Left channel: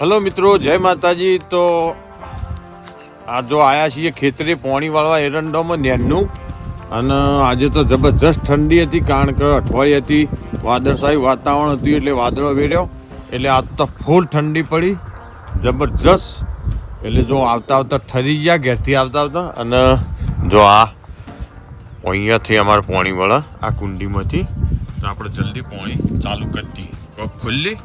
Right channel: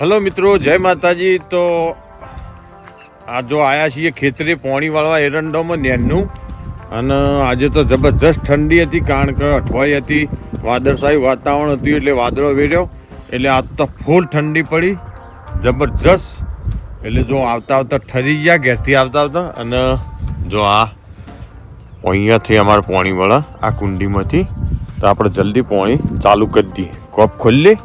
Hello મિત્રો, જય માતાજી. તો આ જો આયા છીએ ખેતરે પોણી વાળવા એરંડોમાં નેનનું. અને આજે તો જબરજસ્ત ઠંડી હતી, કારણ કે અઠવાડિયે હતી વાદળશાહી વાતાવરણ હતું, એટલે વાદળો વેર્યો. એટલે આજ તો ફૂલ ઠંડી પડી. જબરજસ્ત. એટલે જો આવતા આવતા ઠરી ગયા, ઘેરથી આવતા આવતા. અને જો આ અહીંયાથી અમારે પોણી વળે આ કુંડીમાંથી, તો આપણે જલ્દી પોણી ચાલુ કરી દઈએ. કોપ ખોલી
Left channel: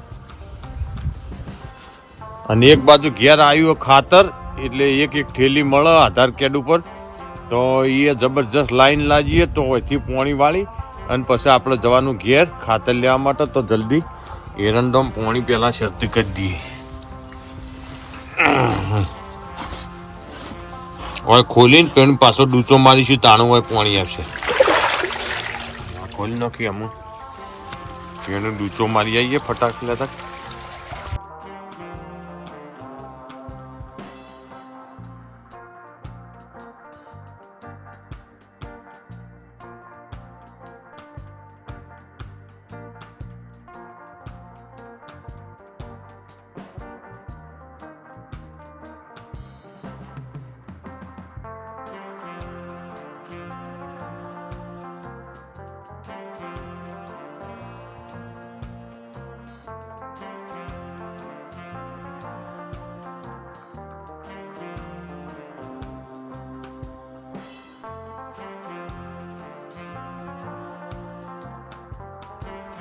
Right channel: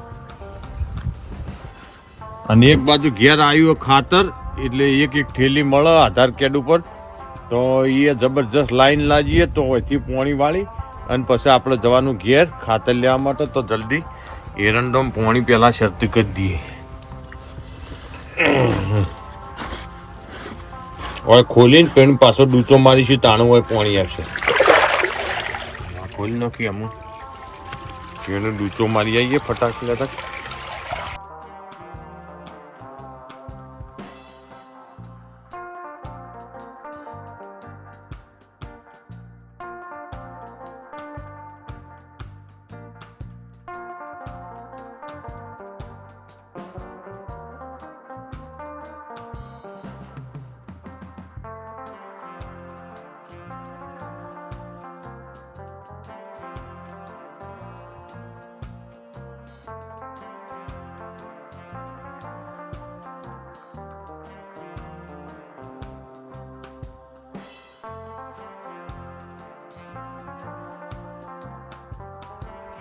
અને એક બાજુ ઘેર આવ્યું ખાતર, એટલે એક એક થેલી મળે, આધાર કાર્ડ ઉપર. તો એ જબરજસ્ત લાઈન લાગીએ તો અહીંથી પોણી વાળી, અને પછી આપણે જવાનું ઘેર ખાતર લેવા માટે, તો જલ્દી એરંડોમ પોણી પહેલાં શરતી કરી દઈએ. હવે ખોલીને પેન પાછો ડૂચો મારીશું, તાણું હોય પોણી આવશે ખોલી નાખી અમુક. એને ડૂચો મારી આવીએ ફટાક લેતા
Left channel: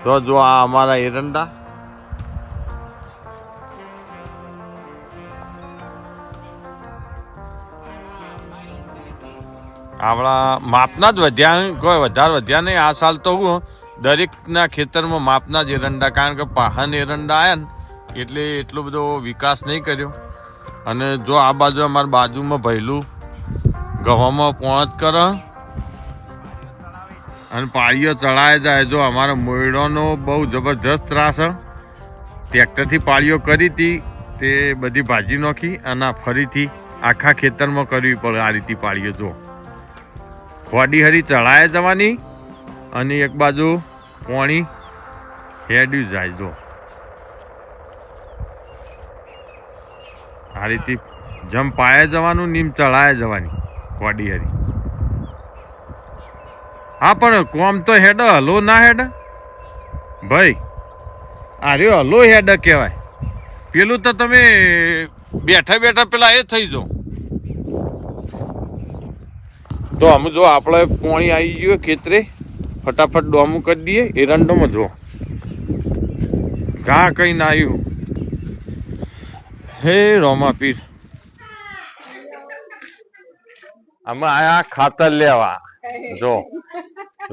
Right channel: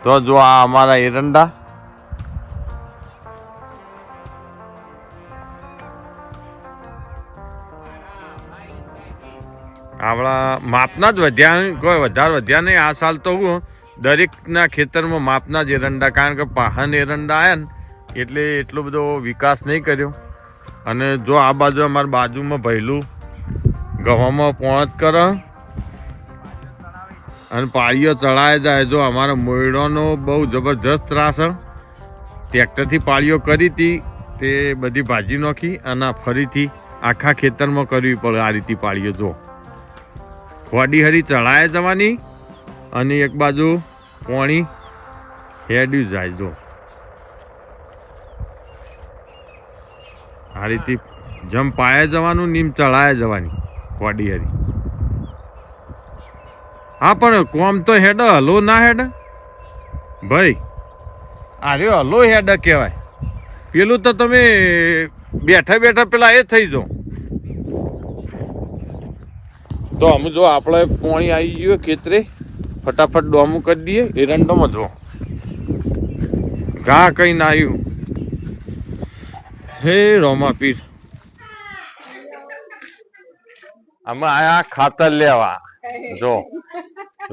તો જો આ અમારા એરંડા. આપણા માપના જ વધ્યા કોઈ વધારે વધ્યા નહીં. આ સાલ તો હું દરેકના ખેતરમાં માપના જ એરંડા. કારણ કે પાહન એરંડા આવ્યા ને એટલે એટલો બધો વિકાસ નહીં કર્યો. અને જો આ બાજુ અમારા બાજુમાં ભયલું ગવામાં પહોંચ કરે. અને પાળીઓ ચડાય જાય. જો અમારા મોયડોનો બહુ જબરજસ્ત ત્રાસ ટ્રેક્ટરથી પાળીઓ કરી હતી, તે બધી ભાજી નાખી અને ફરીથી આખા ખેતરમાં કરવી પડે આ રીતે પાળીઓ, જો. વાડી હરી ચડાય જવાની અને એક બાજુ પોણી હેડ્યું જાય, જો. આ રીતે જમ પાયા જવાનું નીમ ચડાય જવાની વાડી હરી. હા પણ કોમ તો હેડ, હલો ના હેડ? ભાઈ, આ રહ્યો હલો હેડ કહેવાય. પેલું તો તમે બેઠા બેઠા પેલા એ થઈ જાઓ. તો આમ જો આપણે પોણી આવી ગયું ખેતરે, ફટાફટ ડોમું કરી દઈએ એરંડમાં જો ઘા કઈ ના આવ્યું હે રોમા પીર. અમે આયા ખાતર લેવા. જો,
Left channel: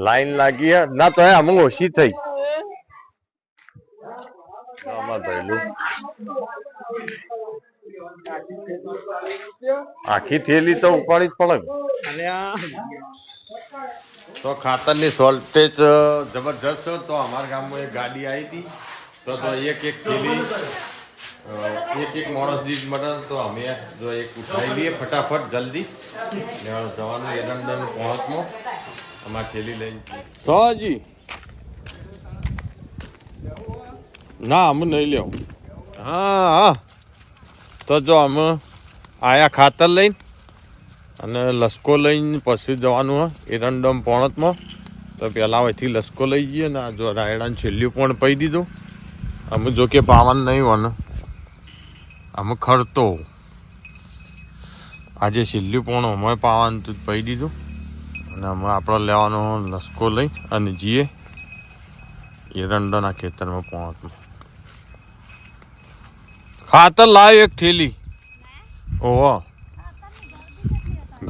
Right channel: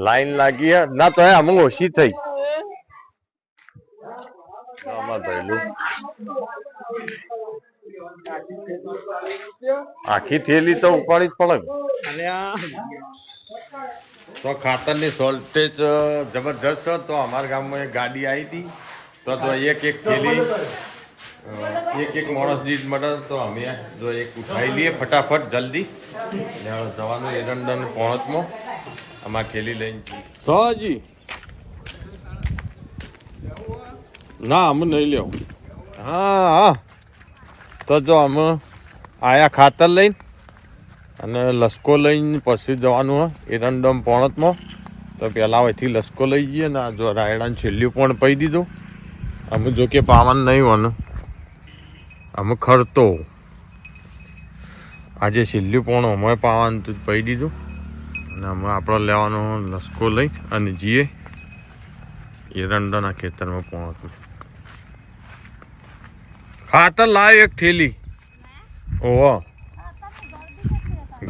લાઈન લાગી ના તો અમુક ઓછી થઈ. આખી થેલી તો ઉપાડી જ પડે તો ખાતરની શોર્ટેજ જબરજસ્ત. તો અમારા ગામમાં એક ગાડી આવી હતી. તો એક એક થેલી એક એક માણસ દીઠ મળે તો અમે જો એક ઉઠાવી લઈએ ફટાફટ, જલ્દી. જવાનું એરંડા પહોંચમો. અમારે થેલી લઈને. સહજી ના, અમે નહીં લેવું. હા હા. તો જો અમે આયા ખાતર લઈને અને લસકો લઈને પછી જવાનું હોય એરંડમ પોણતમાં તો પહેલાં અહીંથી લસકો લઈ જઈએ ને જો રાયડાને છેલ્લું પણ પહી દીધું. અમે જો કે પાવન નહીં હોવાનું અમે ખરતો. આજે છેલ્લું પોણો અમે પાવાનું તું પહી દીધું. અને અમે આપણે લેવાનો લસકો લઈ અને જઈએ એરંડાના ખેતરમાં પહોંચું ખાતર લાવી એક થેલી. ઓહો.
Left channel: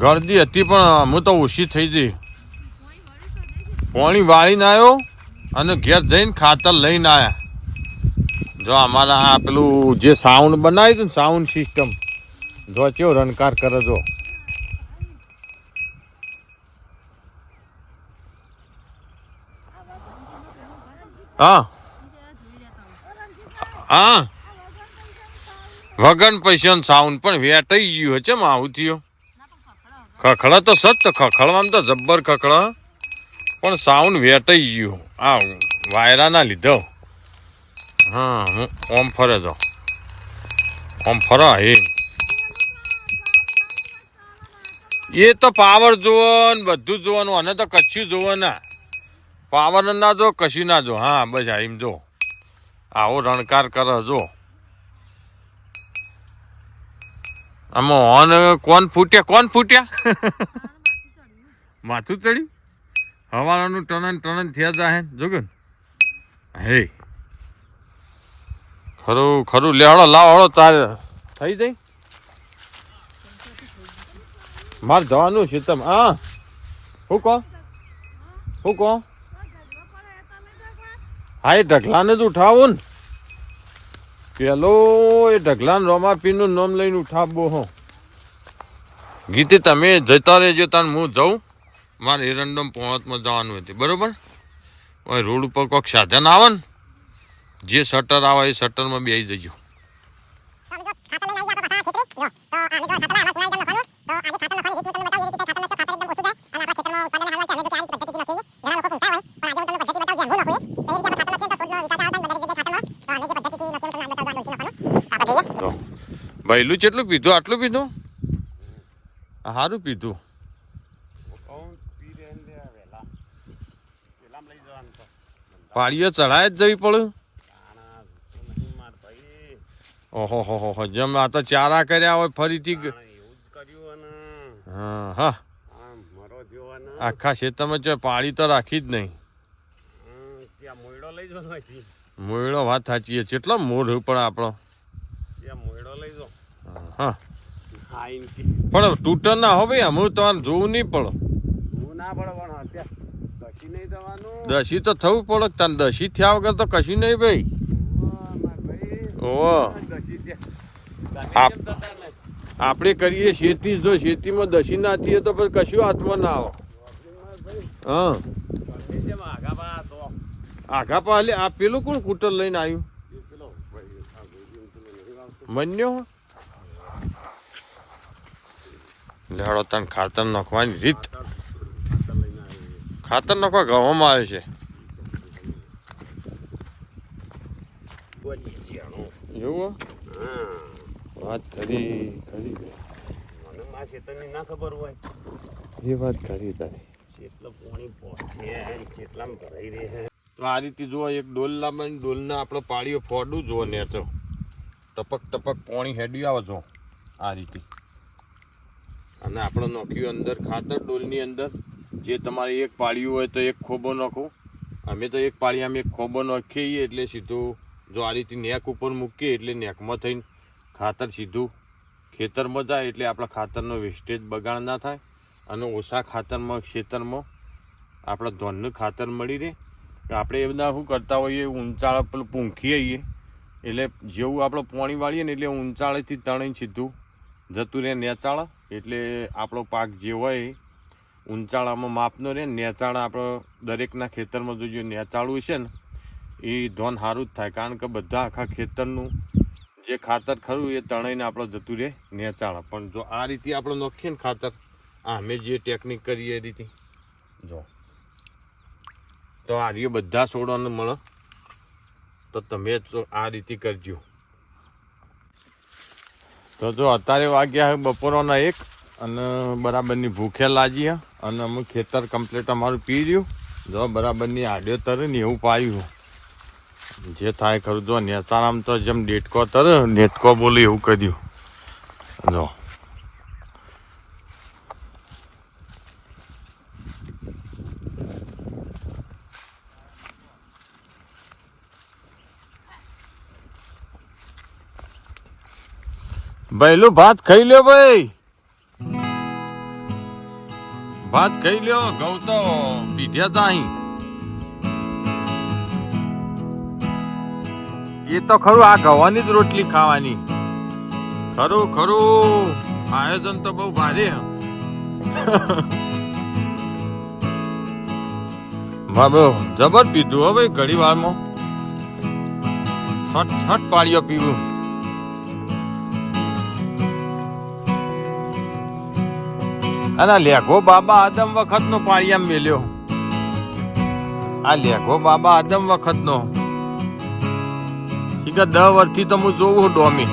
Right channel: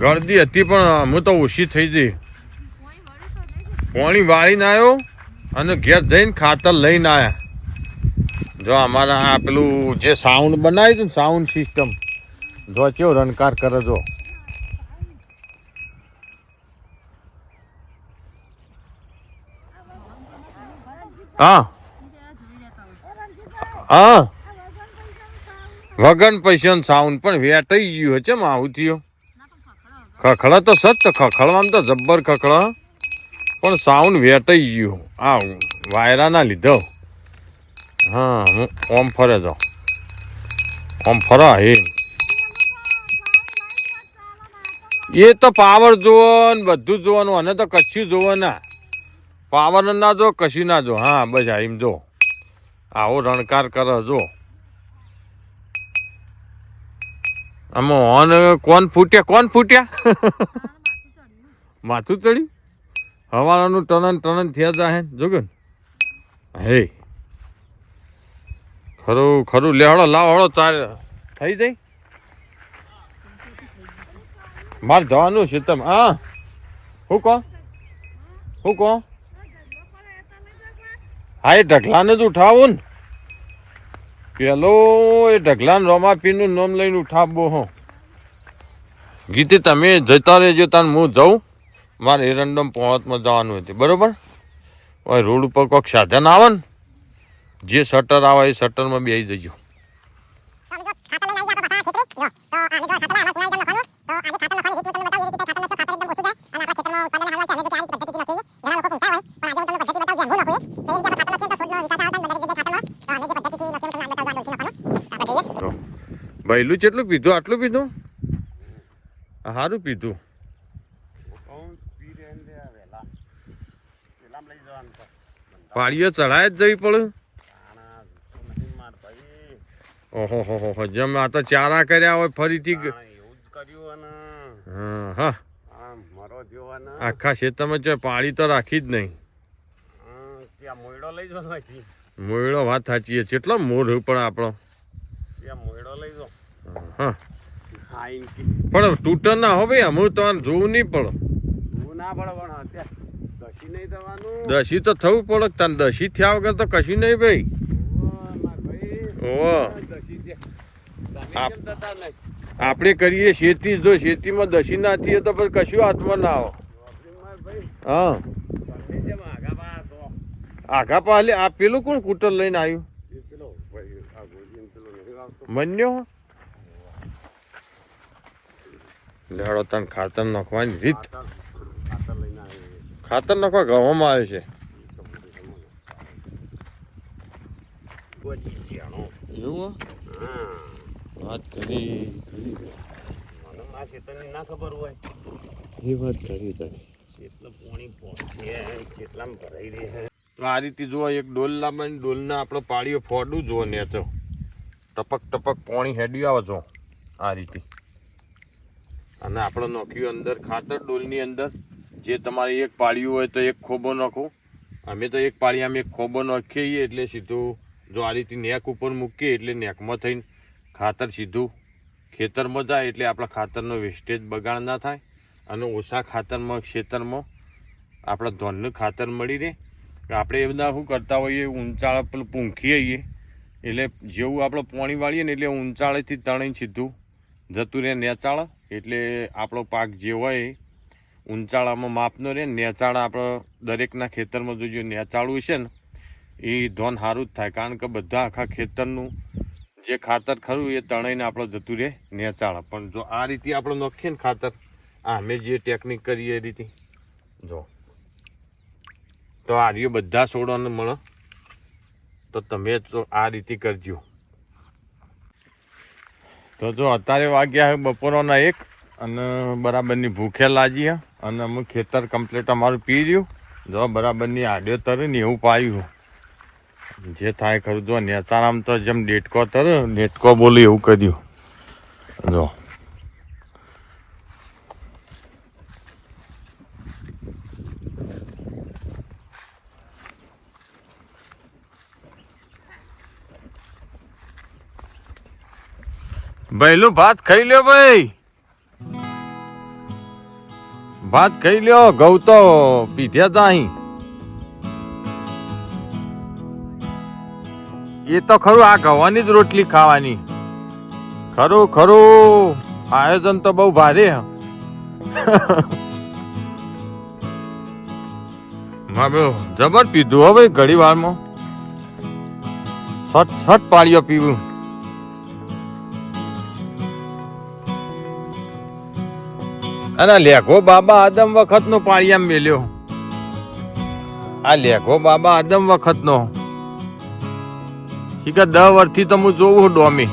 ગરદી હતી પણ અમે તો ઓછી થઈ ગઈ. પાણી વાળીને આવ્યો અને ઘેર જઈને ખાતર લઈને આવ્યા જો અમારા આ પેલું જે સાઉન્ડ બનાવ્યું હતું ને સાઉન્ડ સિસ્ટમ જો કેવો રણકાર કરે જો. હા. હા. વગન પૈસા સાઉન્ડ પણ વેટાઈ ગયું છે ચમ આવું ખખડા તો સત ખખડવામાં તો જબ્બર ખખડા. પણ સાઉન્ડ વેટાઈ ગયું. આ વાયરાના લીધો. હા હું ઓમ ફરે જાઉં ઓમ ફરા હે એ તો પાવર જોવો ને બધું જોવાનું અને તો કચ્છું જોવો ના. પાવર ના જો કશું ના જો. હા બસ એમ જો. આવો રણકાર કરે જો. આમાં ઓન કોણ ફૂટ્યા કોણ ફૂટ્યા માથું ચડ્યું? હવાનું ટનન ટનન થયા જાહે જોગ્યું હે. ખરું ખરું. લેહડો લાવ હળો ચાલ. થઈ જાય મારે જવાનું છે તમે હા. હું કહો? હું કહો? હા એ ઢગલાને જ ઉઠાવો ને. પેલો એ ઢગલાને રોમાપીનું નામ લઈને ઉઠાવો હો. ગીતે તમે જતા રહેજો તાન હું જાઉં. મારે એરંડમ પહોંચમાં જવાનું હતું બરોબર? રોડ ઉપર કોઈક સાધન આવે ને જે શટર આવે એ શટરમાં બેસી જજો. ભાઈલું ભૈલું કેટલું પીધું? આટલું પીધું? સારું પીધું. પાડીઓ ચઢાય જ જવી પડે. ઓહો હો જેમ આ તો ચારા કર્યા હોય ફરીથી હા હા આખા ખેતરમાં જો પાળી તો રાખી જ નહીં. મોયડો વાત સાચી છે. કેટલો મોર પણ આપણો. હા. પણ તૂટર ના હો ભાઈ અમુક તમારે જોવું નહીં પડે. દસી તો થવું પડે તને દસી થયા વગર તો કશું નહીં ભાઈ. આપ- આપણે કરીએ શેતી જો શેતીમાં દસી ના થઈએ તો પછી કશું હાથમાં ના આવો. હા. આઘા પાલે આ પેલું કોણ કૂટર લઈને આવ્યું? મન્યો? લેડો તને ખાતર નાખવાની રીત. ખાતર નાખવા ગવામાં આવે છે. એવું? વાત કરી. કરી ના ખબર હોય એ વાત કરી તારી. કેટલું પાણી પહોંચે કેટલામાં ભરાઈ રહે છે તો આ રીતે જુઓ એક ડોલ લાવવાની ડોલના આપણો પાડીઓ ફોડું જુઓ નેચો ટપક ટપક પાણી હેડ્યું આવે જો આ રીતે. અને આપણે નોખ્યું અંદર ખાતર ડોલની અંદર. જે તમારે એક પાળ્યું હોય તો એક ખોબો નાખો. અમે તો એક પાળીયામાં એક ખોબો નાખીએ એટલે સીધું જો આ રીતે નેક ઉપર મૂકીએ એટલે નેકમાં થઈને ખાતર સીધું ખેતરમાં જાય એટલે આપણા ખાતરનો વેસ્ટેજ બગાડ ના થાય અને ઓછા ખાતરમાં, ખેતરમાં આપણા ધોનનું ખાતર મળી રહે. આપણે એ બધા શું કરતા હોઈએ? ઊંચાળ પેલું પૂંખી આવીએ. એટલે જેવું આપણે પાણી વાળીએ ને એટલે ઊંચાળેથી તણી સીધું જતું રહે નેચાળ. એટલે આપણો પાક જે હોય ઊંચાળામાં માપનો રહે. નેચાળ આપણે દરેકના ખેતરમાં જો નેચાળું છે ને, એ ધોન સારું જ થાય. કારણ કે બધા આખા ખેતરનું જે ખાતર ખરું એ તણાઈને આપણે જતું રહે નેચાળ પણ જો આ રીતે આપણે નોખીએ ને ખાતર, આ અમે જે ટેકનિક કરીએ એ રીતે. જો. તો આ રહ્યો બધા છોડોને મળે તો તમે આ રીતે કરજો. તો જો અત્યારે વાગ્યા બપોરના એક અને બરાબરની ભૂખે લાગી અને અમે ખેતર કમ્પ્લીટ અમારું પી રહ્યું. જો બરાબરની આડ્યો તરે ને એવું પાયું જે થાય ખરું. જો, નેતારામ તો જેમ ડેટકો તર નેટકો બોલી એવું કર્યું જો. ભાઈલું ભાત ખાઈ લ્યો ભાઈ. ભાત ખાઈ લ્યો, ઘઉં તો પીધ્યા તા અહીં એ તો ખરું, આ ગવાની જ રોટલી ખાવાની. ખરું ખરું. આયોજન તો બહુ ભારે. જબર પીધું હો ભાઈ ઘડી વારમાં. સટ સટ પાળીઓ પીવું. અને લેખો બાબા આદમ વખત નો પાળિયામ મેલ્યો. આ લેખો બાબા આદમ વખત નો શીખા દહ વર્ષથી તો હું જોઉં છું ડોમી.